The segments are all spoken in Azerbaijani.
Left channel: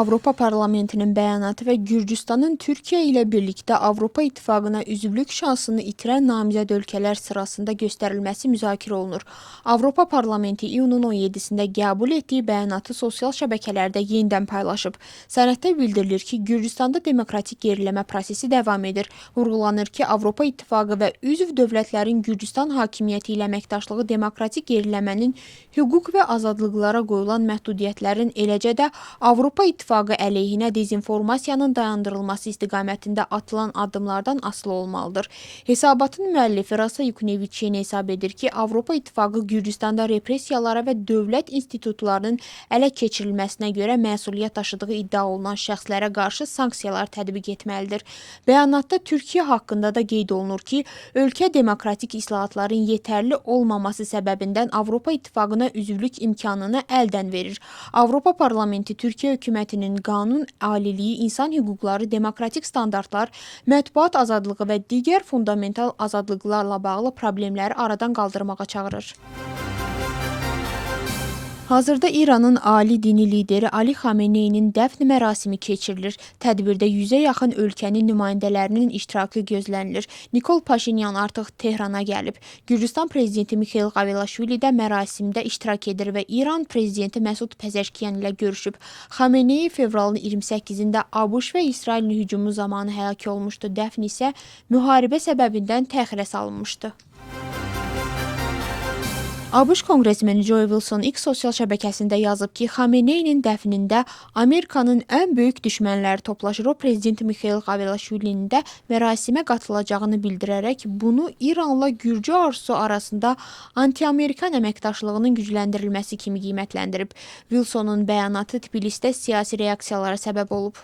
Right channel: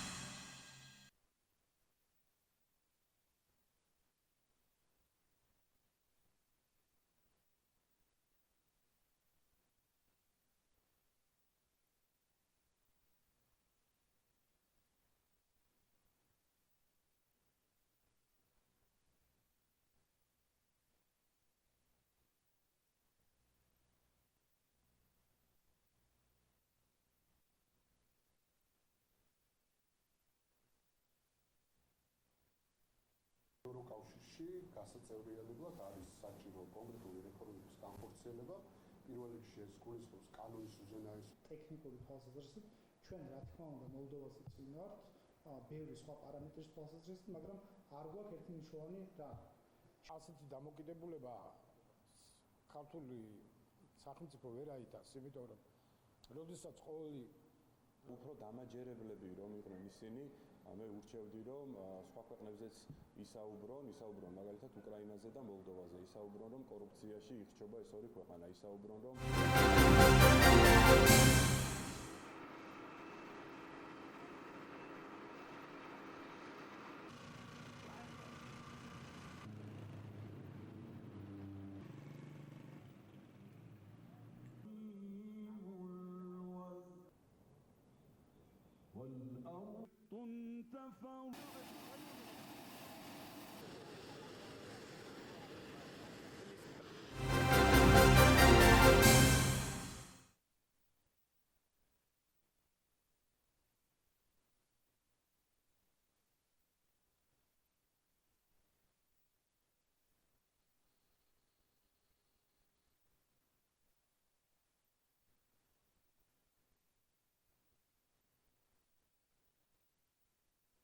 Avropa Parlamentinin bəyanatı və Gürcüstanın Türkiyə ilə birlikdə Avropa İttifaqına üzvlük şansını itirən namizəd ölkələr sırasında göstərilməsi müzakirə olunur. Avropa Parlamenti iyunun 17-sində qəbul etdiyi bəyanatı sosial şəbəkələrdə yenidən paylaşıb. Sənəddə bildirilir ki, Gürcüstanda demokratik geriləmə prosesi davam edir. Vurğulanır ki, Avropa İttifaqı və üzv dövlətlərin Gürcüstan hakimiyyəti ilə əməkdaşlığı demokratik geriləmənin hüquq və azadlıqlara qoyulan məhdudiyyətlərin, eləcə də Avropa İttifaqı əleyhinə dezinformasiyanın dayandırılması istiqamətində atılan addımlardan asılı olmalıdır. Hesabatın müəllifi Rasa Yukneviçin hesab edir ki, Avropa İttifaqı Gürcüstanda repressiyalara və dövlət institutlarının ələ keçirilməsinə görə məsuliyyət daşıdığı iddia olunan şəxslərə qarşı sanksiyalar tətbiq etməlidir. Bəyanatda Türkiyə haqqında da qeyd olunur ki, ölkə demokratik islahatların yetərli olmaması səbəbindən Avropa İttifaqına üzvlük imkanını əldən verir. Avropa Parlamenti Türkiyə hökumətinin qanun aliliyi, insan hüquqları, demokratik standartlar, mətbuat azadlığı və digər fundamental azadlıqlarla bağlı problemləri aradan qaldırmağa çağırır. Hazırda İranın ali dini lideri Ali Xameneyinin dəfn mərasimi keçirilir. Tədbirdə 100-ə yaxın ölkənin nümayəndələrinin iştirakı gözlənilir. Nikol Paşinyan artıq Tehrana gəlib. Gürcüstan prezidenti Mikhail Qavelaşvili də mərasimdə iştirak edir və İran prezidenti Məsud Pezeşkiyan ilə görüşüb. Xamenei fevralın 28-də ABŞ və İsrailin hücumu zamanı həlak olmuşdu. Dəfn isə müharibə səbəbindən təxirə salınmışdı. ABŞ konqresmeni Joe Wilson X sosial şəbəkəsində yazıb ki, Xameneyinin dəfnində Amerikanın ən böyük düşmənləri toplaşır. O, prezident Mikhail Qavelaşvilinin də mərasimə qatılacağını bildirərək bunu İranla Gürcü arzusu arasında anti-Amerikan əməkdaşlığının gücləndirilməsi kimi qiymətləndirib. Wilsonun bəyanatı Tbilisdə siyasi reaksiyalara səbəb olub.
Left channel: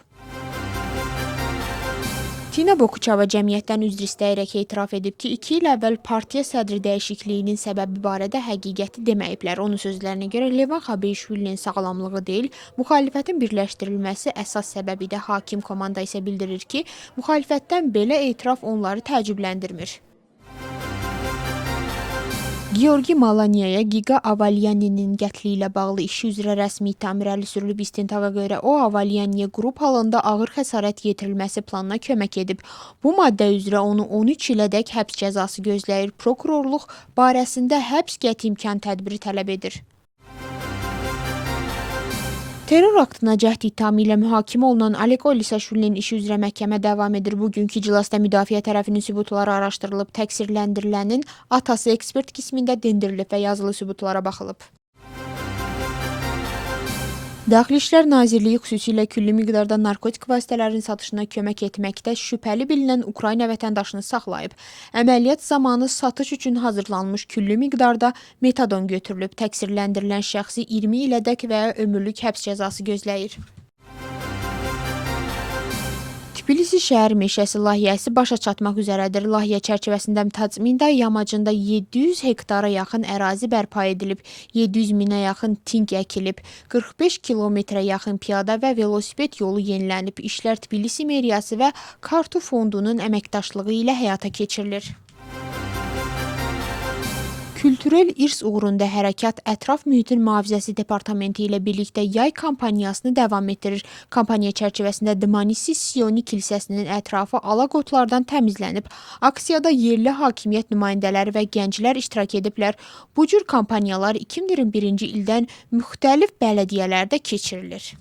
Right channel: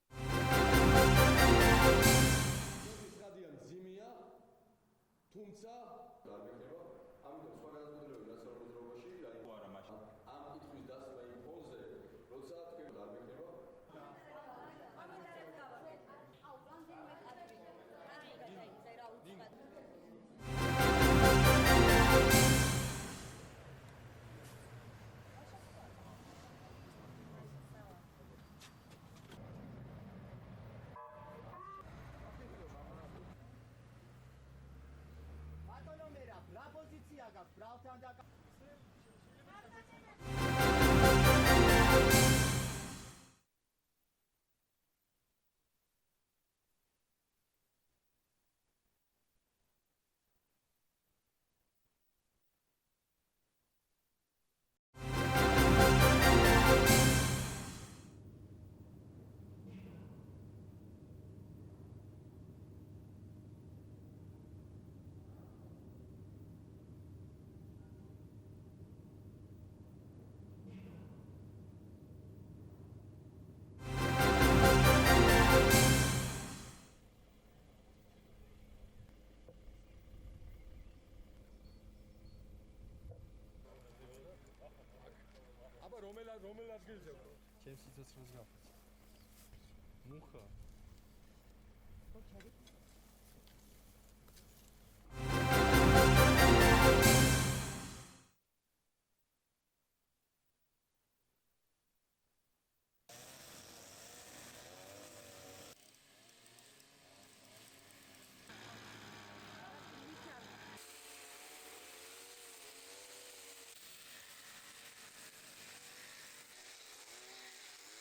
Tina Bokuçava cəmiyyətdən üzr istəyərək etiraf edib ki, 2 il əvvəl partiya sədri dəyişikliyinin səbəbi barədə həqiqəti deməyiblər. Onun sözlərinə görə Levan Xabeyşvilinin sağlamlığı deyil, müxalifətin birləşdirilməsi əsas səbəbidir. Hakim komanda isə bildirir ki, müxalifətdən belə etiraf onları təəccübləndirmir. Georgi Malanyaya Giga Avalyaninin qətli ilə bağlı işi üzrə rəsmi ittiham irəli sürülüb. İstintaqa görə o, Avalyaniyə qrup halında ağır xəsarət yetirilməsi planına kömək edib. Bu maddə üzrə onu 13 ilədək həbs cəzası gözləyir. Prokurorluq barəsində həbs qəti imkan tədbiri tələb edir. Terror aktına cəhd ittihamı ilə mühakimə olunan Oleg Olisaşvilinin işi üzrə məhkəmə davam edir. Bugünkü iclasda müdafiə tərəfinin sübutları araşdırılıb, təqsirləndirilənin atası ekspert qismində dindirilib və yazılı sübutlara baxılıb. Daxili İşlər Nazirliyi xüsusilə külli miqdarda narkotik vasitələrin satışına kömək etməkdə şübhəli bilinən Ukrayna vətəndaşını saxlayıb. Əməliyyat zamanı satış üçün hazırlanmış külli miqdarda metadon götürülüb. Təqsirləndirilən şəxsi 20 ilədək və ya ömürlük həbs cəzası gözləyir. Tbilisi şəhər meşəsi layihəsi başa çatmaq üzrədir. Layihə çərçivəsində Tacminda yamacında 700 hektara yaxın ərazi bərpa edilib, 700 minə yaxın tink əkilib, 45 kilometrə yaxın piyada və velosiped yolu yenilənib. İşlər Tbilisi meriyası və Kartu fondunun əməkdaşlığı ilə həyata keçirilir. Kültürel irs uğrunda hərəkat Ətraf Mühitin Mühafizəsi Departamenti ilə birlikdə yay kampaniyasını davam etdirir. Kampaniya çərçivəsində Dmanisi Sioni kilsəsinin ətrafı alaqotlardan təmizlənib. Aksiyada yerli hakimiyyət nümayəndələri və gənclər iştirak ediblər. Bu cür kampaniyalar 2021-ci ildən müxtəlif bələdiyyələrdə keçirilir.